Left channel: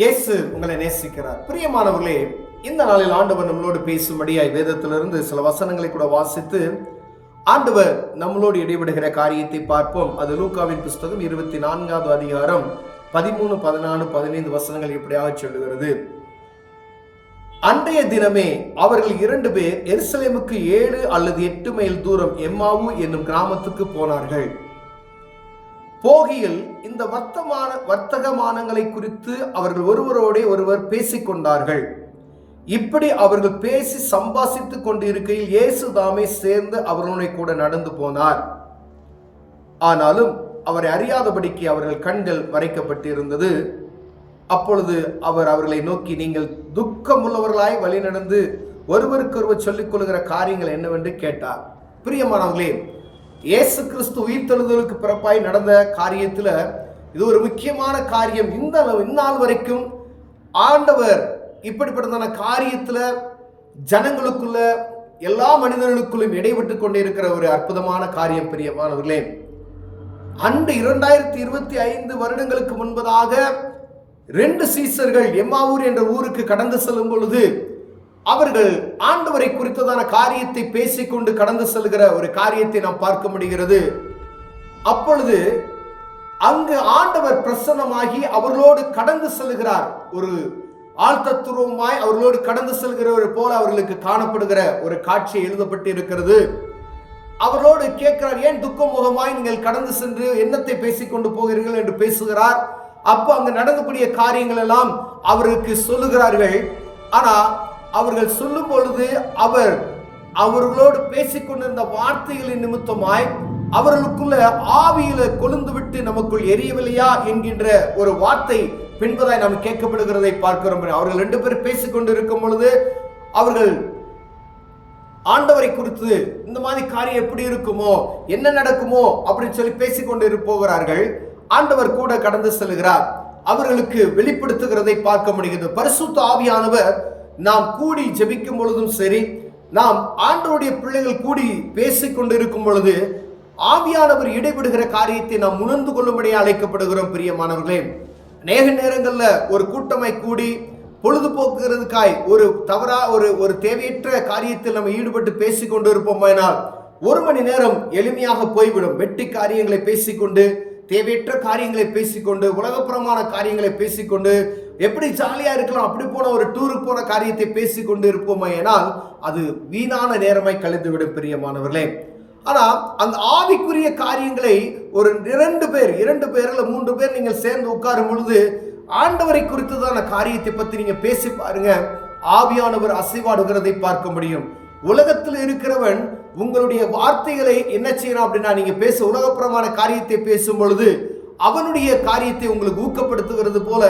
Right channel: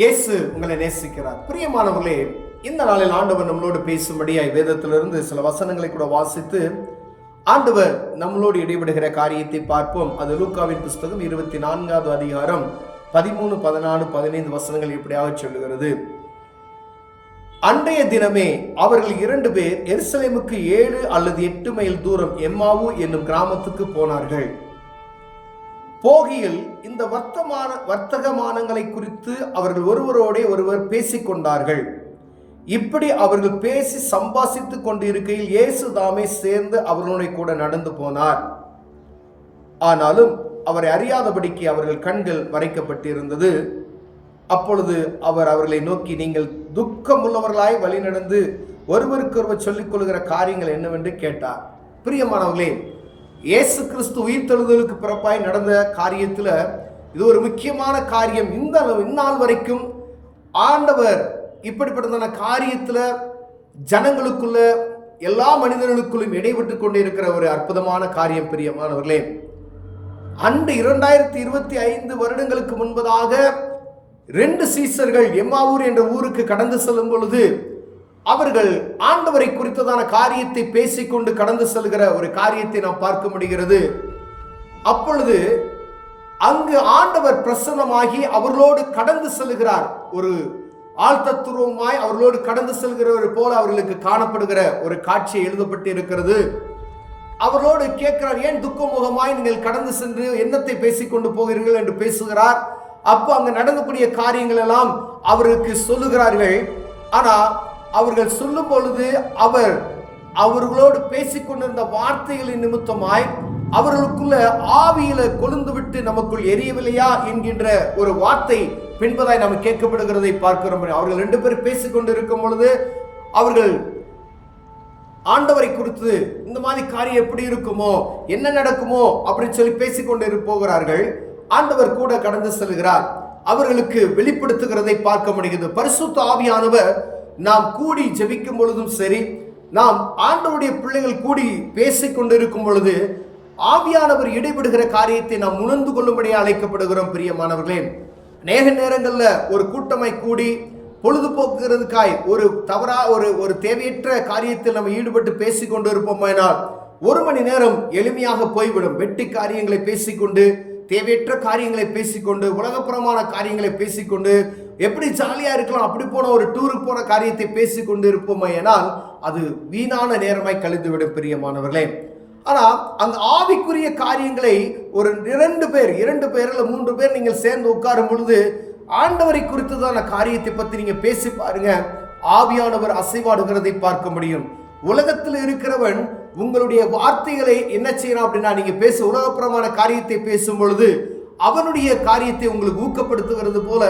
இயேசு உங்களை நேசிக்கிறார். பிரியமானவர்களே, இந்த நாளில் ஆண்டவர் நம்மளோடு பேசும்படியாய் வேதத்திலிருந்து சில வசனங்களை கூட வாசித்து ஆண்டவர் நம்மளோடு இடைபடுகிற காரியத்தை பார்ப்போம். அது லூக்காவின் புஸ்தகம் 24வது அதிகாரம் 13, 14, 15 வசனங்கள் இப்படியாக சொல்லுகிறது. அன்றைய தினமே அவர்கள் 2 பேர் எருசலேமுக்கு 7 அல்லது 8 மைல் தூரம் எம்மாவு என்னும் கிராமத்துக்கு போனார்கள். போகியில் இந்த வர்த்தகமானங்களை குறித்து அவர்கள் ஒருவரோடே ஒருவர் பேசிக்கொண்டார்கள். இப்படி அவர்கள் பேசி சம்பாசித்துக் கொண்டிருக்கையில் இயேசு தாமே சேர்ந்து அவர்களுடைய கூட நடந்து போனார். ஆனாலும் அவரை அறியாதபடிக்கு அவர்கள் கண்கள் மறைக்கப்பட்டிருந்தது. அப்பொழுது அவர் அவர்களை நோக்கி, நீங்கள் துக்கமுள்ளவர்களாய் வழி நடந்து ஒருவருக்கொருவர் சொல்லிக் கொள்கிற காரியங்கள் என்னவென்று கேட்டார். பிரியமானவர்களே, இயேசு கிறிஸ்து உயிர்த்தெழுதலுக்கு பிறப்பாய் நடந்த காரியத்தில் இது ஒரு முக்கியமான காரியம். இந்நாள் வரைக்கும் ஆண்டவர் இப்படிப்பட்டதான காரியத்தில் ஜனங்களுக்குள்ள எல்லா மனிதர்களுக்குள்ளும் இடைபெற்று கொண்டே இருக்கிற ஒரு அற்புதமான காரியம். பிரியமானவர்களே, அன்று 2025 வருடங்களுக்கு முன்பதாக 2 சீசர்கள் எம்மாவூர் என்ற ஊருக்கு கடந்து செல்லும் பொழுது அவர்கள் ஆண்டவரை குறித்ததான காரியத்தை பேசிக்கொண்டு கடந்து செல்கிற ஒரு காரியத்தை நாம் பார்க்க முடிகிறது. அப்பொழுது அங்கு ஆண்டவர் பிரசன்னமாகி அவர்களோடு கடந்து செல்கிறார். ஒரு ஆழ்த்தத்துவமாய் அவர்களோடு கடந்து செல்கிறவர் போல அவர்களுக்கு காணப்படுகிற ஒரு காட்சி எழுதப்பட்டு இருக்கிறது. அவர்களோடு கேட்கிறார், ஏன் துக்கமுகமாய் நீங்கள் கடந்து சென்று என்னத்தை பேசிக்கொண்டு போகிறீர்கள் என்று பேசுகிறார். அப்போ அங்கு நடந்தக்கூடிய காரியங்கள் எல்லாம் அவருக்கு சொல்லுகிறார்கள். ஆனால் அவர்கள் சொல்லும் பொழுது அவர்களோடு பேசிக்கொண்டிருந்த வார்த்தைகளின் நிமித்தமாய் அவர்களுக்குள்ள ஆவியில கொழுந்து விட்டு நமக்குள் எரியவில்லையா என்கின்ற ஒரு வார்த்தை பின்பதாய் நாம் கேட்கப்படுகிறதை பார்க்கிறோம். அவர்கள் 2 பேர் பேசிக்கொண்டு இருக்கும் பொழுது அவர்கள் ஆண்டவரை குறித்து இந்த மாதிரி காரியம் எப்படி இருக்குமோ, என்ன நடக்குமோ அப்படின்னு சொல்லி பேசிக்கொண்டு போகிறார்கள். ஆண்டவர் கூட கடந்து செல்கிறார். அவர்களுக்கு வெளிப்படுத்துகிறதை பார்க்க முடிகிறது. பரிசுத்த ஆவியானவர் நாம் கூடி ஜெபிக்கும் பொழுதும் சரி, நாம் ஆண்டவருடைய பிள்ளைகள் கூடி பேசிக்கொண்டு இருக்கும் பொழுது ஆவியானவர் இடைபடுகிற காரியத்தை நாம் உணர்ந்து கொள்ளும்படியே அழைக்கப்படுகிறோம். பிரியமானவர்களே, அநேக நேரங்களில் ஒரு கூட்டமாய் கூடி பொழுதுபோக்குகிறதுக்காய் ஒரு தேவையற்ற காரியத்தில் நம்ம ஈடுபட்டு பேசிக்கொண்டு இருப்போமானால் 1 மணி நேரம் எளிமையாக போய்விடும். வெட்டி காரியங்களை பேசிக்கொண்டு, தேவையற்ற காரியங்களை பேசிக்கொண்டு, உலகப்புறமான காரியங்களை பேசிக்கொண்டு, எப்படி ஜாலியாக இருக்கலாம் அப்படி போன ஒரு டூருக்கு போன காரியத்தை பேசிக்கொண்டு இருப்போமையானால் அது வீணான நேரமாய் கழிந்துவிடும். பிரியமானவர்களே, ஆனால் அந்த ஆவிக்குரிய காரியங்களை ஒரு 2 பேர் 3 பேர் நீங்கள் சேர்ந்து உட்காரும் பொழுது ஆண்டவரை குறித்துதான காரியத்தை பற்றி நீங்கள் பேசி பாருங்க, ஆவியானவர் அசைவாடுகிறதை பார்க்க முடியும். உலகத்தில் இருக்கிறவன் உங்களுடைய வார்த்தைகளை என்ன செய்யணும் அப்படின்னா, நீங்க உலகப்புறமான காரியத்தை பேசும் பொழுது அவனுடைய காரியத்தை உங்களுக்கு ஊக்கப்படுத்துகிறது போல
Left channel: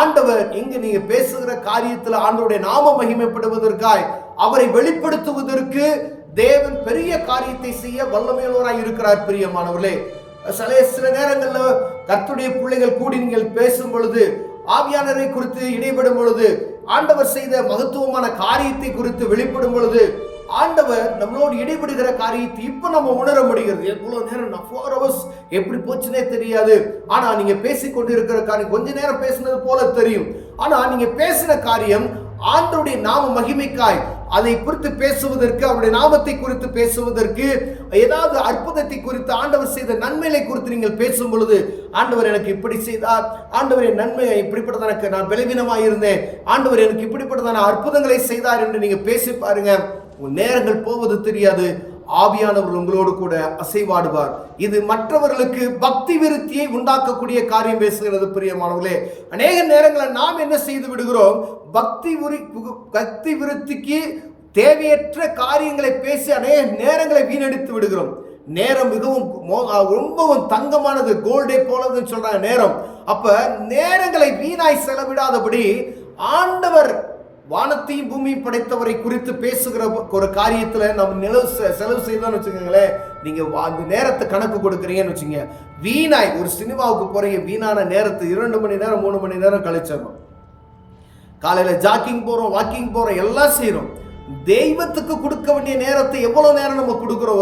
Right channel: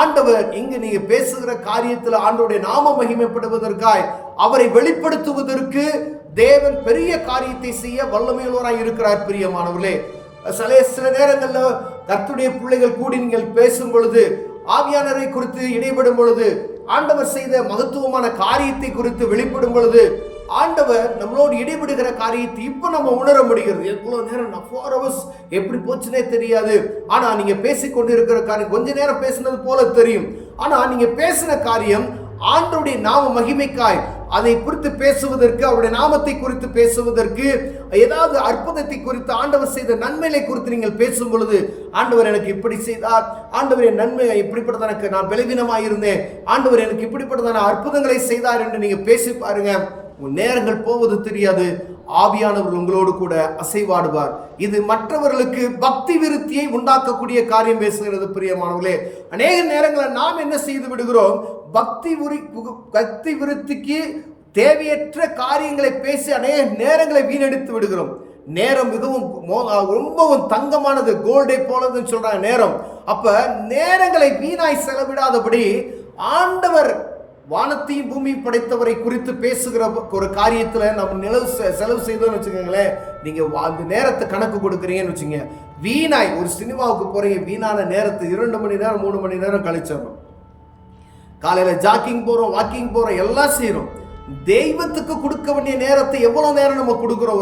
ஆண்டவர் இங்கு நீங்க பேசுகிற காரியத்தில் ஆண்டவருடைய நாம மகிமைப்படுவதற்காய் அவரை வெளிப்படுத்துவதற்கு தேவன் பெரிய காரியத்தை செய்ய வல்லமையுள்ளவராய் இருக்கிறார். பிரியமானவர்களே, சில நேரங்களில் கர்த்தருடைய பிள்ளைகள் கூடி நீங்கள் பேசும் பொழுது, ஆவியானவரை குறித்து இடைபடும் பொழுது, ஆண்டவர் செய்த மகத்துவமான காரியத்தை குறித்து வெளிப்படும் பொழுது ஆண்டவர் நம்மளோடு இடைபடுகிற காரியத்தை இப்போ நம்ம உணர முடிகிறது. எவ்வளவு நேரம் 4 hours எப்படி போச்சுனே தெரியாது. ஆனா நீங்க பேசிக்கொண்டு இருக்கிற காரியம் கொஞ்ச நேரம் பேசினது போல தெரியும். ஆனா நீங்க பேசின காரியம் ஆண்டவருடைய நாம மகிமைக்காய் அதை குறித்து பேசுவதற்கு, அவருடைய நாமத்தை குறித்து பேசுவதற்கு, ஏதாவது அற்புதத்தை குறித்து, ஆண்டவர் செய்த நன்மைகளை குறித்து நீங்கள் பேசும் பொழுது, ஆண்டவர் எனக்கு இப்படி செய்தார், ஆண்டவர் என் நன்மை இப்படிப்பட்டதான நான் பலவீனமாக இருந்தேன், ஆண்டவர் எனக்கு இப்படிப்பட்டதான அற்புதங்களை செய்தார் என்று நீங்க பேசி பாருங்க, உங்கள் நேரங்கள் போவது தெரியாது. ஆவியானவர் உங்களோடு கூட அசைவாடுவார். இது மற்றவர்களுக்கு பக்தி விருத்தியை உண்டாக்கக்கூடிய காரியம் பேசுகிறது. பிரியமானவர்களே, அநேக நேரங்களில் நாம் என்ன செய்து விடுகிறோம், பக்தி விருத்திக்கு தேவையற்ற காரியங்களை பேசி அநேக நேரங்களை வீணடித்து விடுகிறோம். நேரம் ரொம்பவும் தங்கமானது, கோல்டை போலதுன்னு சொல்றாங்க நேரம். அப்ப நேரங்களை வீணாய் செலவிடாதபடி ஆண்டவர் வானத்தையும் பூமியும் படைத்தவரை குறித்து பேசுகிற ஒரு காரியத்தில் நம்ம செலவு செய்தோம்னு வச்சுக்கோங்களேன், நீங்கள் அந்த நேரத்தை கணக்கு கொடுக்குறீங்கன்னு வச்சுங்க, வீணாய் ஒரு சினிமாவுக்கு போகிறீங்க, வீணான நேரத்தை 2 மணி நேரம் 3 மணி நேரம் கழிச்சிடறோம். காலையில் ஜாக்கிங் போகிறோம், வாக்கிங் போகிறோம், எல்லாம் செய்கிறோம். தெய்வத்துக்கு கொடுக்க வேண்டிய நேரத்தை எவ்வளோ நேரம் நம்ம கொடுக்குறோம்?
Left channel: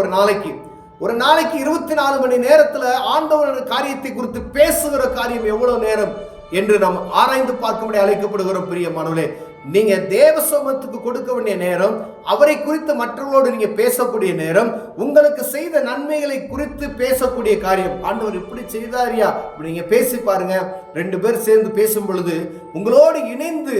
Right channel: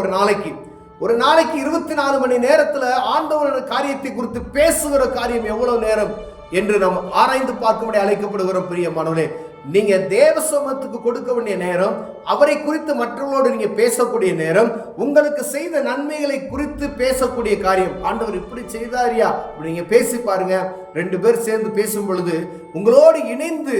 ஒரு நாளைக்கு 24 மணி நேரத்தில் ஆண்டவரோட காரியத்தை குறித்து பேசுகிற காரியம் எவ்வளோ நேரம்? என்று நாம் ஆராய்ந்து பார்க்கும்படி அழைக்கப்படுகிறோம். பிரியமானவர்களே, நீங்க தேவ சமூகத்துக்கு கொடுக்க வேண்டிய நேரம், அவரை குறித்து மற்றவர்களோடு நீங்க பேசக்கூடிய நேரம், உங்களுக்கு செய்த நன்மைகளை குறித்து பேசக்கூடிய காரியம். ஆண்டவர் இப்படி செய்தாரியா, நீங்க பேசி பாருங்க. 2 பேர் சேர்ந்து பேசும் பொழுது உங்களோடு இணைந்து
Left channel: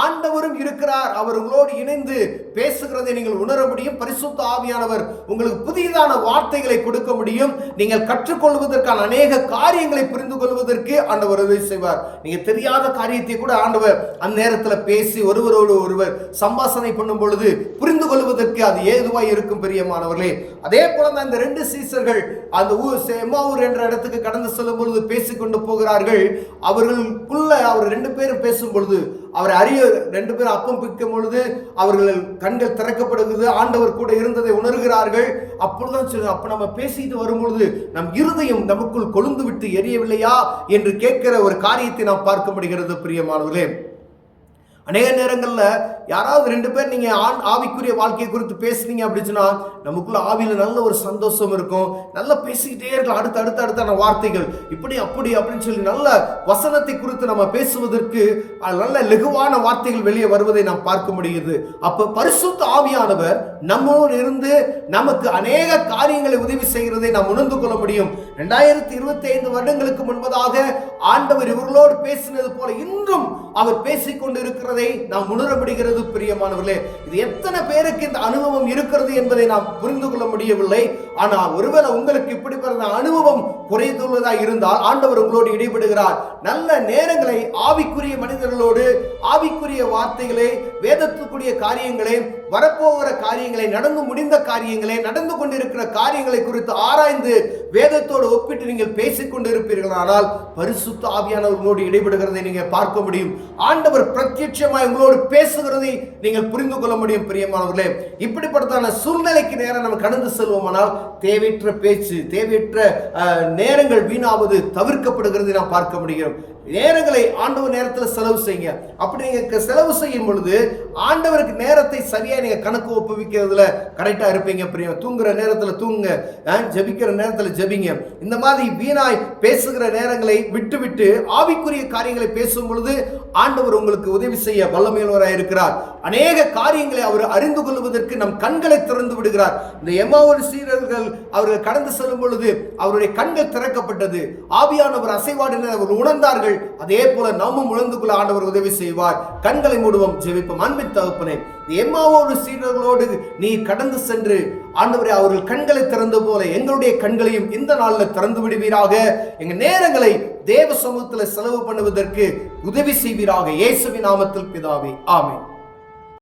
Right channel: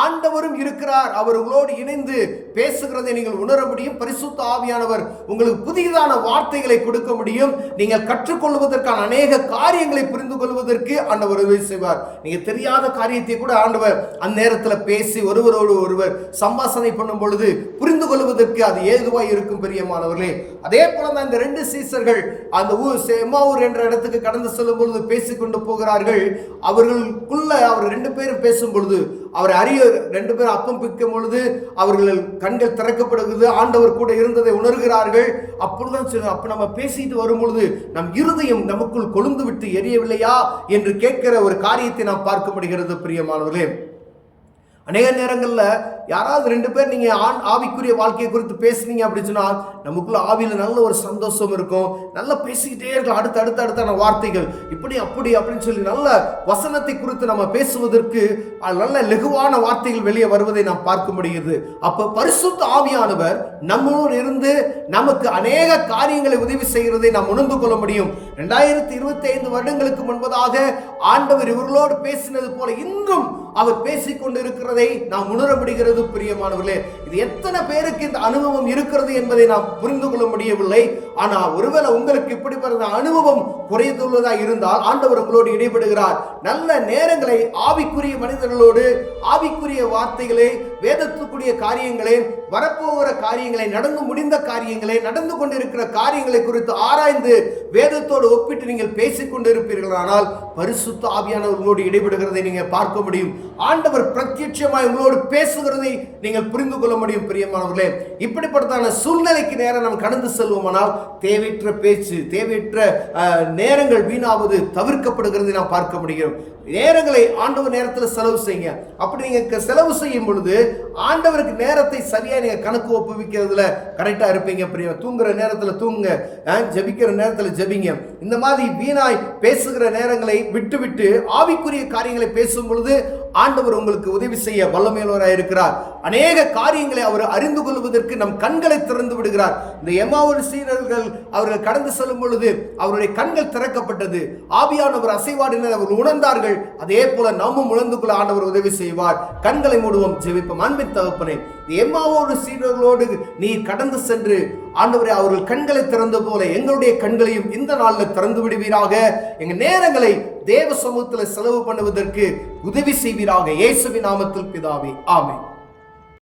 ஆண்டவரும் இருக்கிறார். அவர் உங்களோடு இணைந்து பேசுகிறதை நீங்கள் உணர முடியும். பரிசுத்த ஆவியானவர் உங்களுக்கு புதிதான வார்த்தைகளை கொடுக்க முடியும். நீங்கள் கற்றுக்கொள்வதற்கான அநேக காரியங்களை புரிந்து கொள்வதற்கு ஆண்டவர் உதவி செய்வார். நீங்க தெரியாத காரியத்தை கூட ஆண்டவர் அந்த நேரத்தில் பேசி ஒருவரோடு ஒருவர் சம்பாஷணை பண்ணும் பொழுது புரிந்து கொள்வதற்கு அது ஏதுவாய் இருக்கும். பிரியமானவர்களே, அதே போல தான் இந்த 2 சீசர்கள் அந்த எம்மாவூர் என்ற இடத்துக்கு கடந்து செல்லும் பொழுது பேசிக்கொண்டு போகிறார்கள். அவர்களுக்குள்ள அவர் 2 பேரும் பேசும் பொழுது அவர் 2 பேரும் அப்பம் பிக்கும் பொழுது அவர்கள் கண்கள் திறக்கப்படுகிறது. ஆண்டவர் கூட இருந்ததை உணர்கிறார்கள். அப்பொழுதுதான் சரி, அப்ப நம்ம பேசிட்டு வரும் பொழுது நம் இருதயம் நமக்குள் கொழுந்து விட்டு எரியவில்லையா என்று கேட்கிற ஒரு காரியத்தை நாம் பார்க்க முடிகிறது. பிரியமானவர்களே, அநேக நேரங்களில் யாராவது 2 பேர் நீங்கள் ஆவிக்குரிய வாழ்க்கையை குறித்து பேசுனீங்க அப்படின்னா நமக்குள்ள ஆவியில் நல்ல ஒரு சந்தோஷம் இருக்கும். நல்லா பேசிக்கிட்டே இருக்கலாம். அடுத்த வார்த்தைகள் இப்படி அப்படி அப்படின்னு சொல்லி நல்ல வசனத்தை குறித்து நம்ம பேசுவதற்கு நல்ல லெகுவான வார்த்தைகள் வெளியே வருவதை நாம் பார்க்க முடிகிறது. அப்போ பரிசுத்த ஆவியானவர் நம்மளோடு இருந்து நமக்கு அநேக காரியங்களை உதவி செய்கிறதை நாம் உணர்ந்து கொள்ள முடியும். 2025 வருடங்களுக்கு முன்பதாக ஆண்டவர் இவர்களோடு பேசினது போல இன்றும் அவர் பேசிக்கொண்டு இருக்கிறதை நாம் உணர முடிகிறது. பிரியமானவர்களே, இது எத்தனை பேருக்கு இந்த அனுபவம் இருக்கிறது என்பதை நாம் புரிந்து கொள்ள முடியவில்லை. ஆனால் ஒருவேளை உங்களுக்கு இப்படிப்பட்ட அனுபவம் குறைந்துள்ளதா இருந்தால் ஆண்டவர் உங்களோடு இடைபடுகிறார். நல்ல நேரங்களை ஆவிக்குரிய மனிதர்களோடு ஆவிக்குரிய வார்த்தைகளை, வேதத்துக்குரிய காரியங்களை, வரப்போகிற காரியங்களை, நடந்து முடிந்த காரியங்களை, நடந்து கொண்டிருக்கிற காரியங்களை குறித்து ஆராய்ந்து வேதத்தோடு ஒப்பிட்டு நீங்கள் பேசிக் கொண்டிருப்பீர்கள். ஆனால் பரிசுத்த ஆவியானவர்களோடு இடைபடுகிறதை நீங்கள் பார்க்க முடியும். ஆண்டவர் பிரத்யட்சமாய் உங்களோடு பேசுகிறதை நீங்கள் புரிந்து கொள்ள முடியும். பிரியமானவர்களே, இப்படிப்பட்டதான சூழ்நிலைக்கு நேரம் நாம் கடந்து செல்வோமானால் தேவையற்ற பேச்சு, தேவையற்ற நேரங்கள் வீணாவது தவிர்க்கப்படுகிறதை நாம் பார்க்க முடியும். நேரங்களை ஆண்டவர் நேரத்தில் செலவு செய்யுங்க. அப்படி நீங்க செலவு செய்யும் பொழுது ஆண்டவருக்கு நேரத்தை சரியா நீங்க கணக்கு ஒப்புவிக்கிறதுல கரெக்டா இருப்பீங்க. தூங்குற நேரத்தில் தூங்குங்க, ஜபிக்கிற நேரத்தில் ஜபிங்க. இந்த மாதிரி வீணாய் பேசுகிற நேரங்களை விட்டுவிட்டு ஆவிக்குரிய காரியங்களை பேசும் பொழுது ஆண்டவர் உங்களுக்கு உதவி செய்ய வல்லமையுள்ளவராய் இருக்கிறார். அநேக காரியங்களை அவர் அறிந்து கொள்வதற்கு நம் கண்களை திறந்து விடுகிறார். இந்த எம்மாவூர் சீடர்கள் அவர்கள் கடந்து செல்லும் பொழுது அவருடைய கண்கள் திறக்கப்பட்டது. ஆவியானவர் அசைவாடினர் அவர்கள் உணர்ந்தார்கள். அதே போல நாமும் உணர்ந்து கொள்ள ஆண்டவர் உதவி செய்வார். கண்களை மூடுவோம், ஜெபிப்போம். அன்பின் தகப்பனே, எம்மாவூர் சீடர்களோடு நீ கடந்து சென்று ஆண்டவரே அவர்கள் கண்களை திறந்த போல எங்களுடைய கண்களையும் இந்த நாளில் திறந்து விடுவீராக. எங்க நேரங்களை தேவ சமூகத்தில் செலவு பண்ணுவதற்கு உதவி செய்வீராக. இயேசுவின் நாமத்தில் பிதாவே, ஆமென்.